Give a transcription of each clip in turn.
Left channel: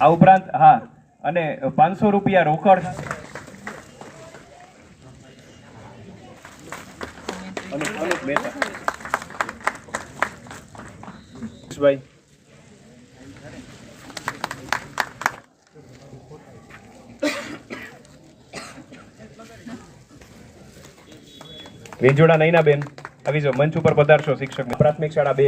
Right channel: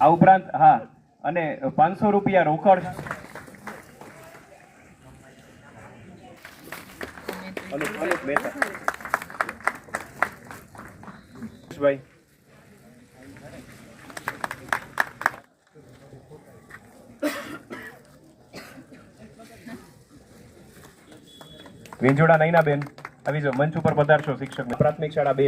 આ ઉપરાંત હા અને પાંચસો રૂપિયા રોકડ. ભાઈ વેંજોડા નૈના બેન આવી જાઓ મંચ ઉપર પધારશો શિક્ષક. પ્રાથમિક શાળા બે.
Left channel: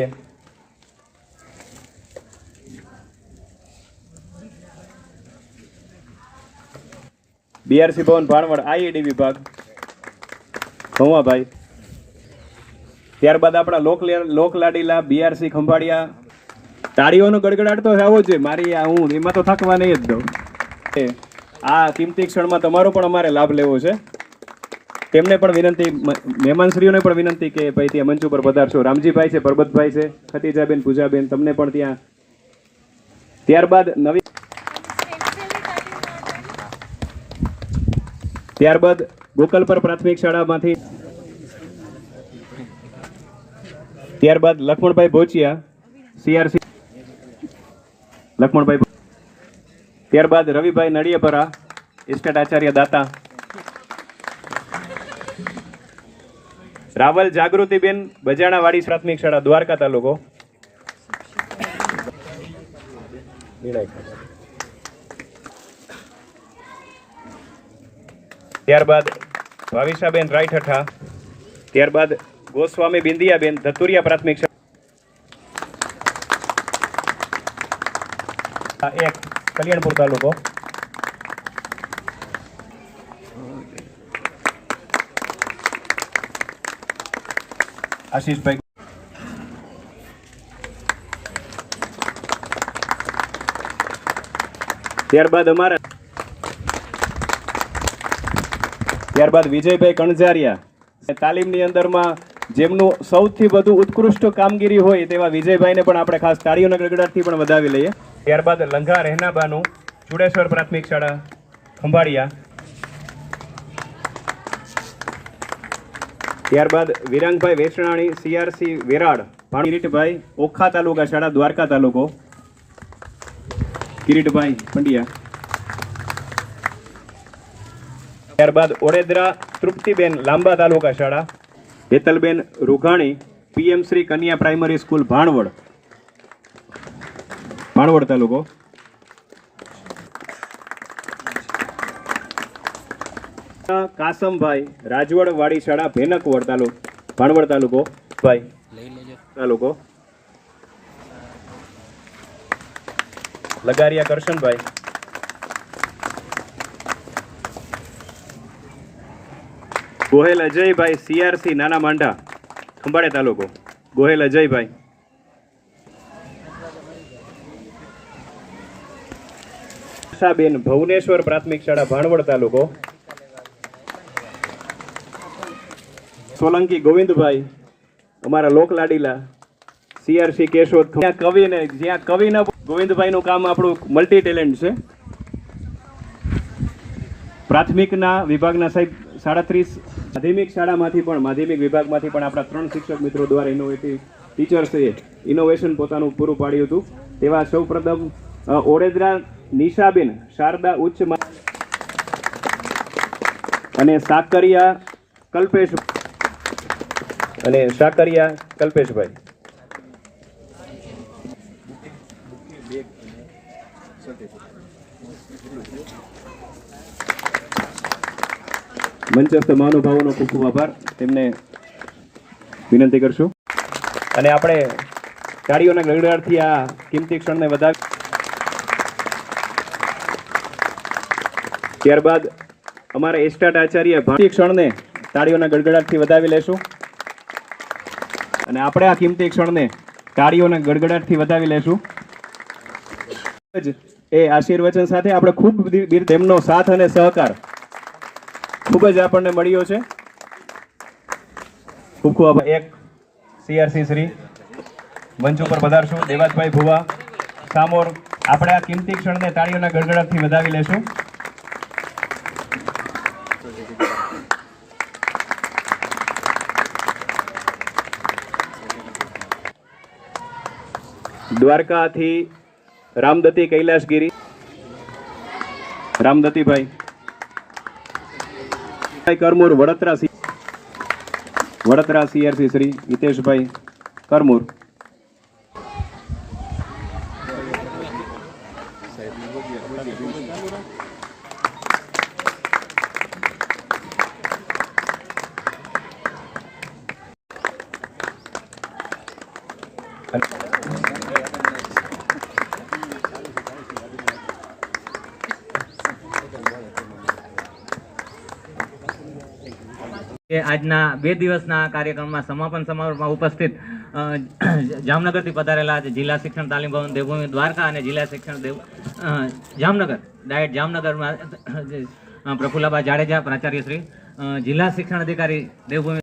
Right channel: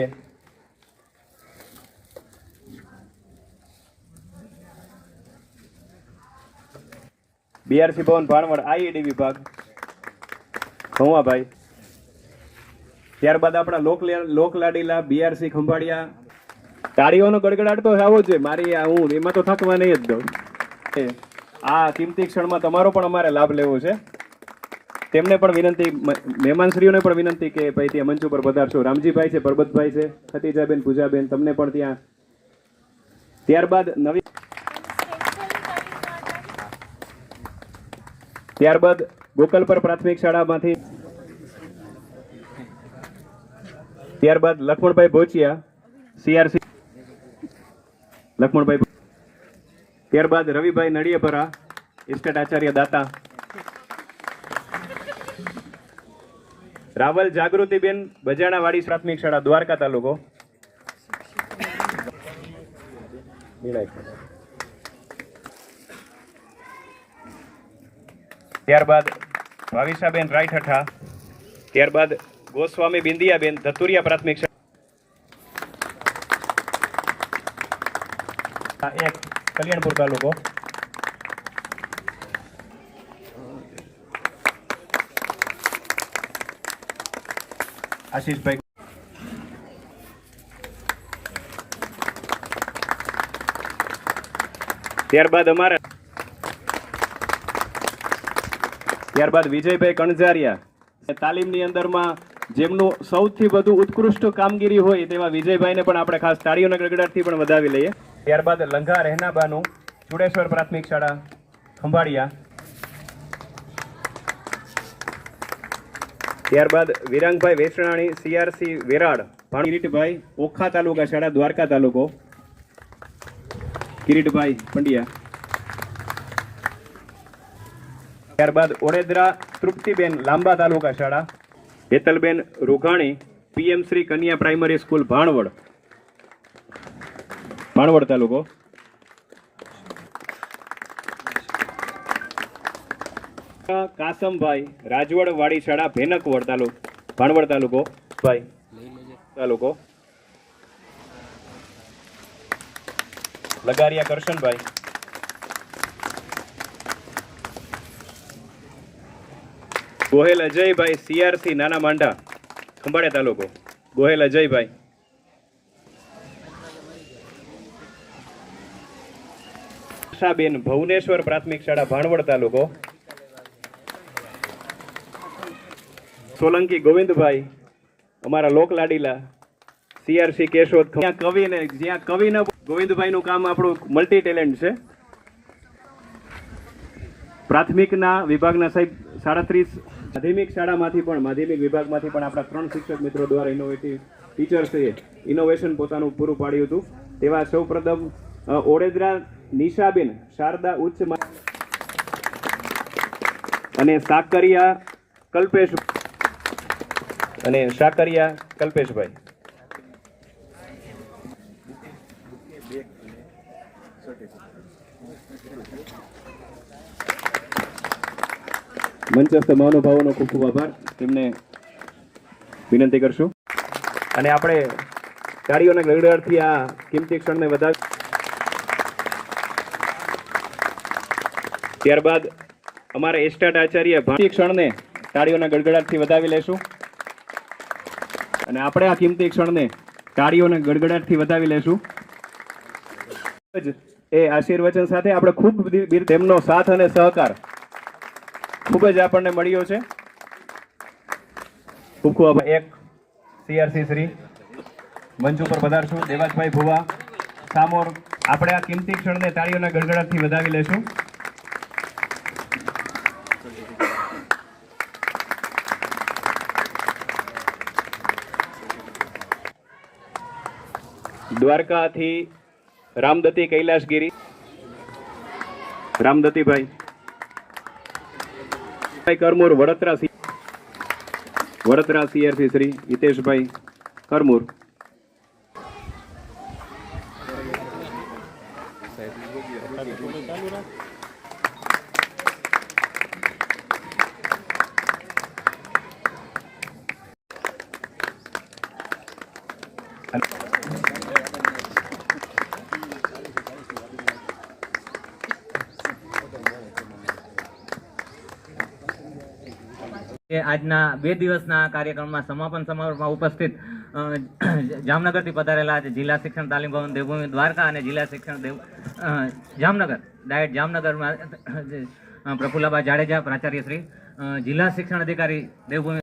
બીઆરસી ભવન ભાણવડ આઈએડી વિભાગ. ભાઈ. ત્યારબાદ આપણા લોક લોકલાડીલા બીઆરસી ખંભાળિયા. તાળીઓનો ગડગડાટ તો જ છે. મારી હું એમાં તો થકવા નહીં જ દઉં. આ કિંમતી ક્ષણમાં તમારો પણ અમારે લાભ લેવો છે. તેમને પણ વિનંતી મહેમાનશ્રીઓને પણ વિનંતી કે ભાઈ ત્યાં મંચ ઉપર પધારશો. રામજીભાઈ છે, પરબતભાઈ છે, ખતીજાબેન પૂજાબેન તમને પણ ત્યાં. ત્યારબાદ નવી ત્યારબાદ ગોકલપર પ્રાથમિક શાળામાંથી ત્યારબાદ લક્ષ્મણભાઈ ભોચિયા સીઆરસી લક્ષ્મણભાઈ ત્યારબાદ રવિભાઈ નડિયાપરા ઇસ્કટ આચાર્ય દાતા. રાવલ જાગૃતિબેન બજાણાવાડી પ્રાથમિક શાળા, દ્વારકા તાલુકો. ત્યારબાદ ભાવિશાબેન રાયઠઠા ત્યારબાદ ગોસ્વામી બિંદિયાબેન ધતુરિયા પ્રાથમિક એક કલ્યાણપુર તાલુકો. આશીષભાઈ. ત્યારબાદ અમારા ત્યારબાદ વિજયભાઈ કણઝારિયા. તાલીમની અંદરમાં જેમનું સૌથી વધુ ઉત્કૃષ્ટ કામગીરી હોય તેવા વિજયભાઈને પણ આપણે ખાસ તાળીઓના ગડગડાટથી પણ વધાવી લઈએ. ત્યારબાદ લંઘા રહેનાબાનું, ચુડેશ્વર પ્રાથમિક શાળા, ખંભાળિયા. ત્યારબાદ વિરાંગભાઈ વેસણાણી, સીઆરસી વેરાડ કિરીટભાઈ ઓખા તાલુકા શાળા, દ્વારકા તાલુકો. કિરીટભાઈ પંડ્યા. ત્યારબાદ ઓડેદરા તૃપ્તિબેન લાંબા તાલુકા શાળા, હેતલબેન રૂઘાણી, પીએમ શ્રી કન્યા પ્રાઇમરી સ્કૂલ ભાણવડ. ભાણવડ તાલુકો. કાસમભાઈ રાજવડ વાડી શાળા, ભેનકવડ તાલુકો, ભાણવડ તાલુકો. ભાઈ, તાલુકો. લગારિયા કરશનભાઈ. ગોહેલ અજયભાઈ સીઆરસી, નાના માંડા, ખંભાળિયા તાલુકો. ગોહેલ અજયભાઈ. આશાબેન ભુવનેશ્વર પ્રાથમિક શાળા, ભાણવડ તાલુકો. સોલંકી ગોવિંદભાઈ, અમારા લોકલાડીલા, સીઆરસી કેશોદ. કવિને કવિ જ્યાં કવિ ન ગોવિંદભાઈનું કામ આપણું મલ્ટી ટેલેન્ટ છે. પ્રાથમિકના વિભાગના સાહેબ સાડત્રીસ માધ્યમિક શાળામાંથી પણ, માધ્યમિક વિભાગમાંથી પણ આપણા ત્રણ શિક્ષક મિત્રો દ્વારા ઇનોવેટિવ ટીચર્સે ઇનોવેશન પોતાનું પૂરું પાડ્યું હતું. તેવા સૌપ્રથમ પ્રથમ ઓડેદરા નિશાબેન શારદા ઉચ્ચ અને સાકરિયા કલ્પેશ અને સાકરિયા કલ્પેશભાઈ. મંચસ્થ મહાનુભાવોનો ખૂબ ખૂબ આભાર. તેમને વિનંતી કરશું. અને આપણે તાળીઓના ગડગડાટથી આ કિંમતી ક્ષણને વધાવી ત્યારબાદ અમારા એસ્ટાટ આચાર્ય ભારતીય ક્ષણને તાળીઓના ગડગડાટથી વધાવી લેશું. અને આપણે આ કિંમતી ક્ષણને તાળીઓના ગડગડાટથી વધાવી લેશું. જ એ આશીર્વચન સાથે આપણે ખૂબ તેમનો સાથ અને સહકાર ખૂબ જ આપણને મળ્યો છે. ખૂબ એક સીઆરસી શ્રી. મંચ ઉપર પધારશું. દેવાજભાઈ ભુવા, સામોર. આપણે આ કિંમતી ક્ષણને તાળીઓના ગડગડાટથી વધાવી લેશું. દ્વારકાથી રામદતી કૈલાસગીરી. રામદતીભાઈ ભાઈ કરમૂર વડોદરા વડોદરા સીઆરસી શ્રી હિતેશભાઈ કરમૂર. કે આજના બે દિવસના કાર્યક્રમમાં સમાપન સમારોહમાં ઉપસ્થિત જામનગરથી પધારેલા જિલ્લા શિક્ષણ તાલીમ ભવન દેવભૂમિ દ્વારકા અને જિલ્લા શિક્ષણ દેવ જામનગર, ડાયટ જામનગરમાં પ્રફુલ્લાબા જાડેજા પ્રાચાર્ય શ્રી જિલ્લા શિક્ષણ અધિકારી દેવભૂમિ